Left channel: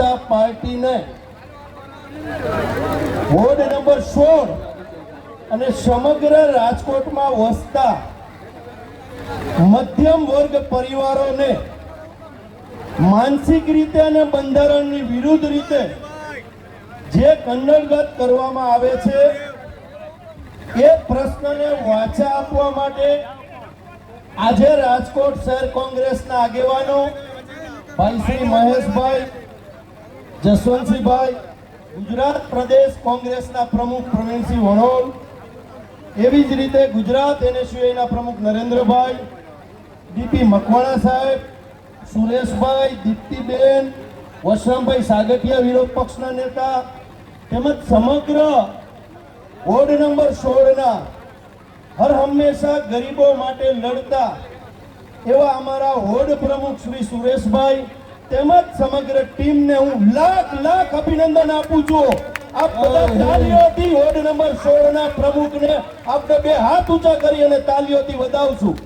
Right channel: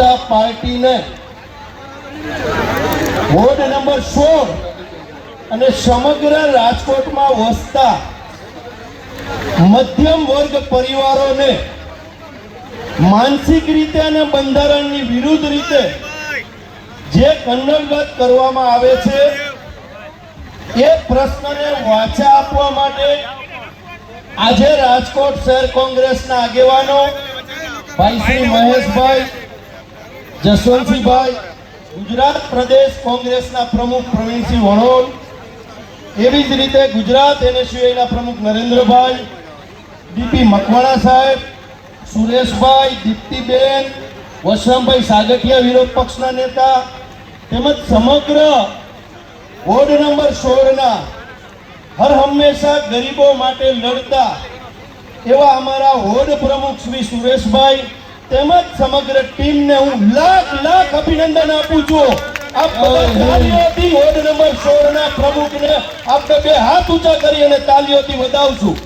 જનતા પાર્ટીને ward number 16 અને સમગ્ર રાજકોટમાં વસતા મધ્યમ વર્ગ પરિવારોને માનસિક રીતે અને બંધારણની વિરુદ્ધ રીતે જે કન્નલગત કરવામાં આવે છે એ પ્રશ્નને વાચા આપવા માટે આજે રાજકોટ શહેર કોંગ્રેસના આગેવાનો ભાઈ શ્રી મહેશભાઈ, જસવંતસિંહભાઈ, ગુજરાત પ્રદેશ કોંગ્રેસના પ્રમુખ પ્રવીણસિંહ વણોલ, એવી જ રીતે ગુજરાત એનએસયુઆઈના પ્રમુખ નરેન્દ્રભાઈ, ડીપી મકવાણા સાહેબ, સુરેશભાઈ, દીપ્તિબેન, વસરામભાઈ સાગઠિયા વિરોધ પક્ષના નેતા તેમજ સમગ્ર વોર્ડ નંબર 16ના હર હંમેશા ગરીબો માટે લડતા એવા અમારા વોર્ડ પ્રમુખ શ્રી સુરેશભાઈ તેમજ સમગ્ર ટીમને હું લાખ અભિનંદન આપું છું. આપ તાલીઓથી વોર્ડ નંબર 16ના પ્રમુખને આપણે બે હાથ ઊંચા કરી અને તાલીઓથી વધાવશું.